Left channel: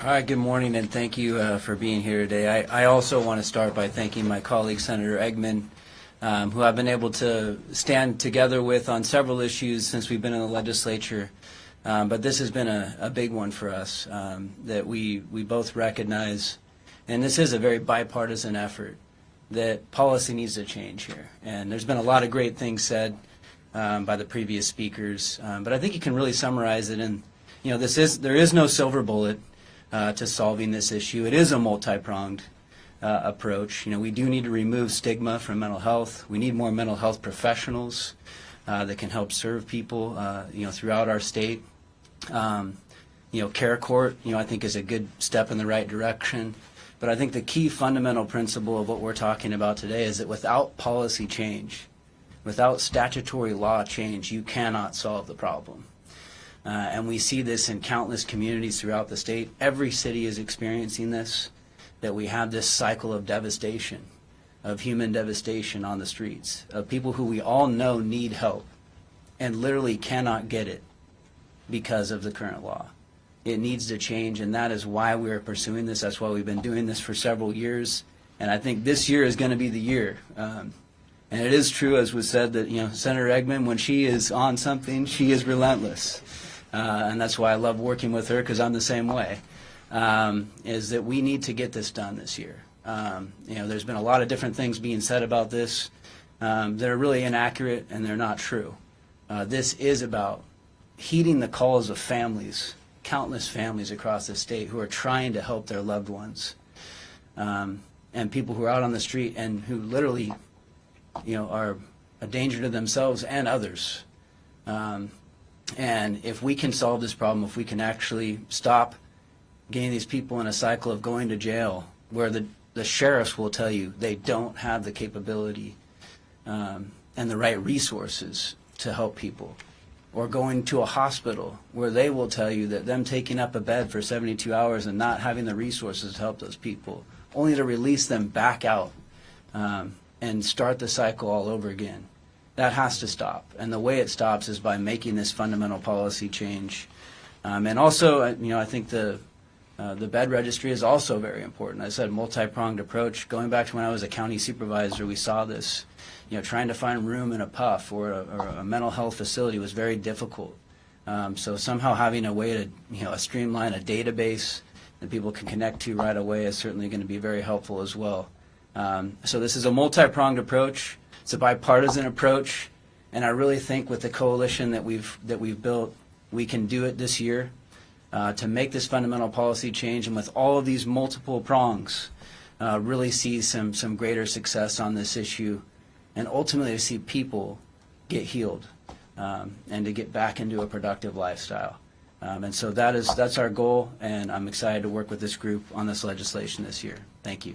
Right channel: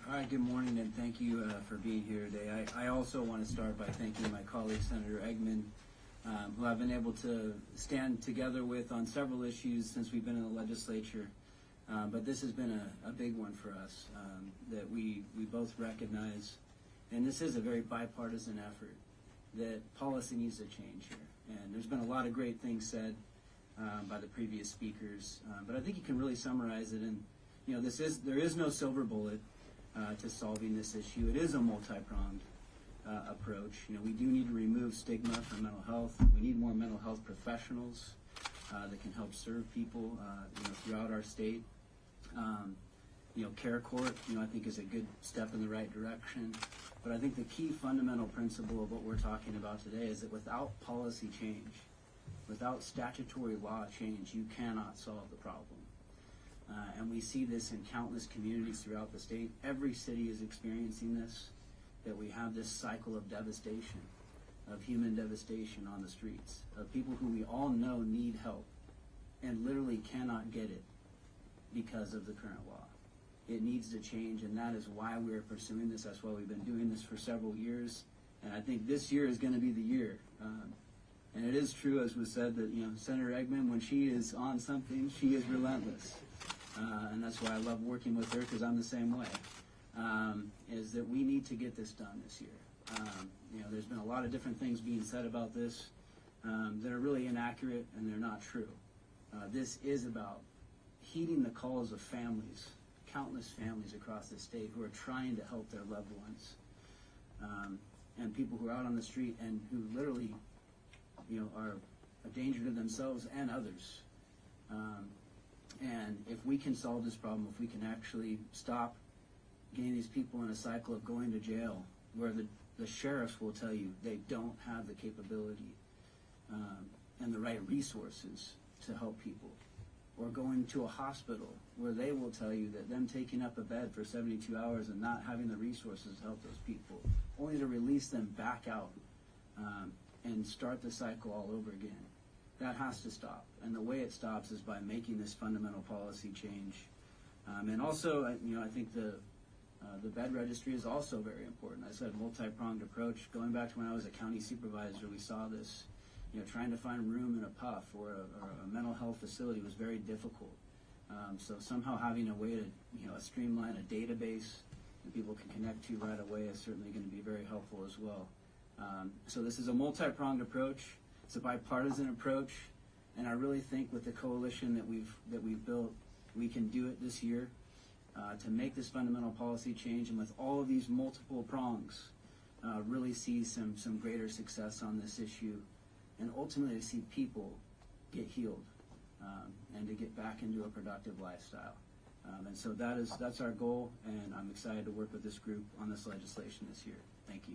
All right, good morning, and thank you for being here today. I also want to start by thanking my colleague, Senator Eggman, who I've been able to stand together with on several issues since we've been in the legislature. But this has been a big one for us that we both recognize, and this is a very bipartisan effort, that policy needs to change here. And there's been a lot of great things said by the previous speakers, but I think you can really summarize it in, there is no silver bullet to solving this issue. It is a multi-pronged approach. We do need to remove stigma from mental health. We need more mental health professionals that can help serve people, throughout our state. Care court, I think is a good step in the right direction. But I think the key fundamental principle of what we're talking about today is that without policy change, without statutory law change, you cannot solve the problem. And we see this in countless communities throughout the state. Every city is experiencing this, that we have this cycle of devastation, of human devastation on the streets, of people who we all know need help and literally cannot get it because of the current law. It needs to change, and that is why we are pursuing this. That's why we've been doing this for several years, and I think this year is going to be the year. And it is true, as was said, that Senator Eggman, when she is on something, she is relentless. And that's why I love working with her, because I'm the same way, is that we need to get this done this year. There's been a lot of different things being said about this that are really inaccurate and they're not true. This is about heeding the calls of families, countless families across the state who are trying to help their loved ones, and people who are out on the street and who literally, are a danger to themselves and others. And if we can solve this problem, if we can actually stop getting these people in a cycle of going to jail where the sheriffs will tell you they don't have the capability and the right resources to help people, or going to a hospital where they will tell you that them taking up a bed for 72 hours and not having the resources to help those people, only to release them back out and start the cycle all over again. That has to stop, and the way it stops is by making this fundamental policy change. And also, I think the bed registry is also very important. I said multi-pronged approach. Going back to when I was a county supervisor, we saw this. Trying to find room in a PUF or a mental health facility was very difficult. So somehow having a way to streamline a database that people can connect to right away is certainly going to be very helpful as well. So this is a multi-pronged approach. It's a bipartisan approach, and I really think with the coalition that we've built, we can do it this year to make this fundamental policy change, and with all of these multiple prongs, really see some greater success on this issue, and ultimately to see people get healed and to get back into a productive lifestyle. And so that's our goal, and I'm excited to work with this group on this legislation this year. Thank you.